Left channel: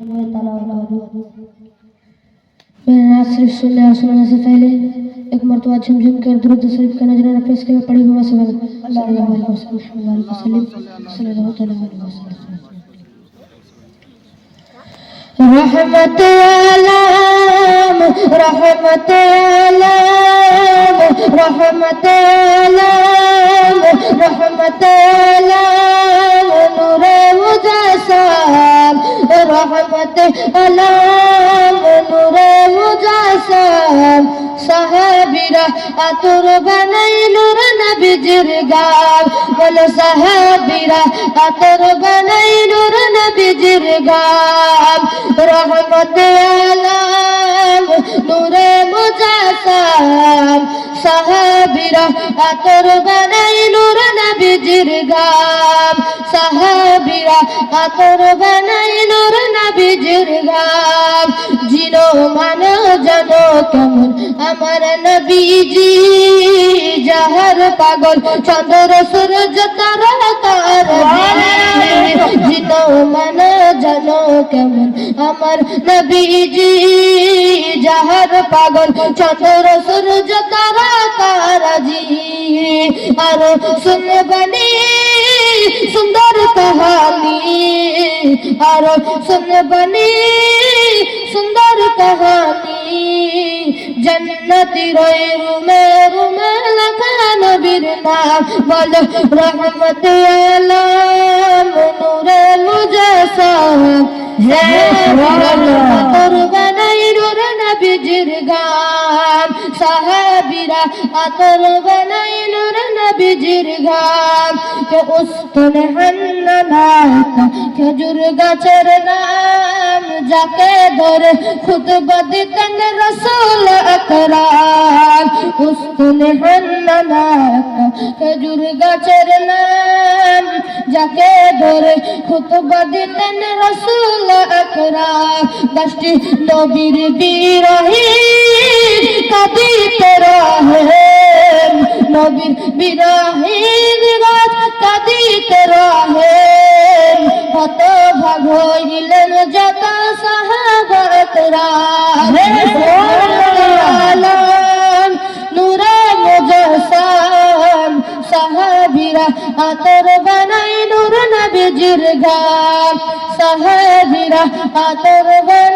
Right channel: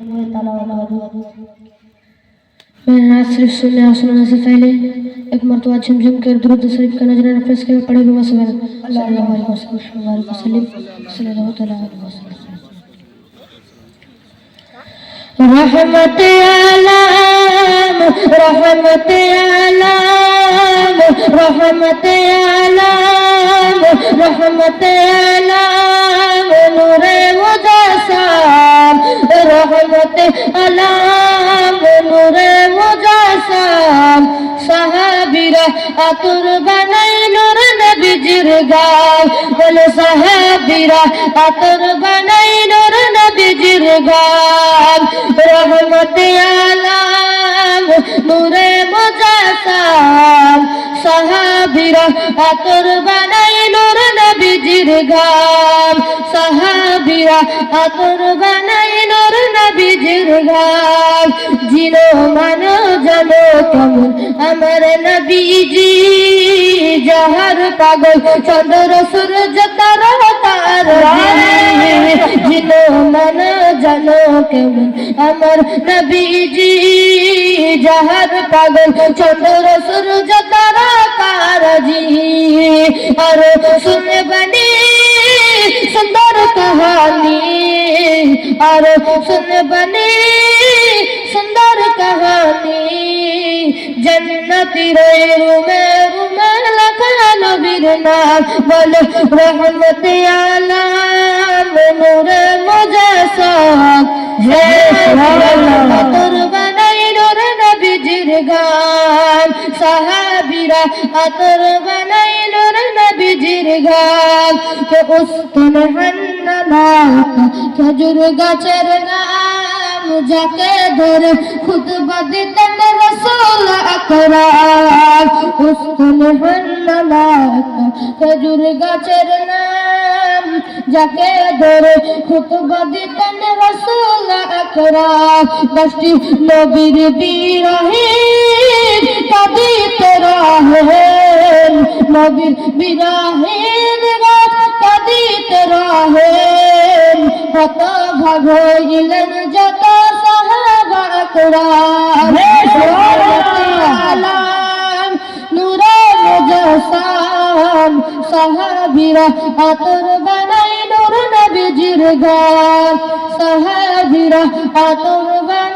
मैंने नात सिर्फ सुनने और सुनाने से पहले एक मरतबा झमझम कर दुरूद शरीफ का नजराना पेश कर पढ़े हुए सल्लल्लाहु अलैहि वसल्लम रहमत आलम रहमत आलम रहमत आलम रहमत आलम नूरे मुजस्सम रहमत आलम नूरे मुजस्सम साहाबीरा আতর বানাই নূর নবীজির গান বল সাহাবীরা আতর বানাই নূর নবীজির গান রহমত আলম নূরে মুজাসসাম সাহাবীরা আতর বানাই নূর নবীজির গান সাহাবীরা আতর বানাই নূর নবীজির গান জিনো মানো জানো কেমন আমার নবীজি জাহার পাগল চন্দ্র সূর্য তারকার জিনো মানো জানো কেমন আমার নবীজি জাহার পাগল চন্দ্র সূর্য তারকার জি আর শুনে বনি সুন্দর कहानी और सुन बनी सुंदर कहानी जन्नती रोए रुमे रुमे लगा नबीर नाम बोल रहमत आलम नूर मुजस्सम हे अतर बनाई नूर नबीजिर गाम साहाबीरा अतर बनाई नूर नबीजिर गाम के उस्तन हन्नाना খেজুর গাছের নাম যাকে ধরে খুতবা দিতেন রাসূল আকরাম উস্তুল হান্নানা খেজুর গাছের নাম যাকে ধরে খুতবা দিতেন রাসূল আকরাম দশটি নবীর বিরহে কাঁদিতে রহেন নবীর বিরহের গাছ কাঁদিতে রহেন কত ভাগিলেন যত সাহাবা একরাম আলম নূরে মুজস্সম সাহাবীরা আতর বানাই নূর নবীজির গান সাহাবীরা আতর বানাই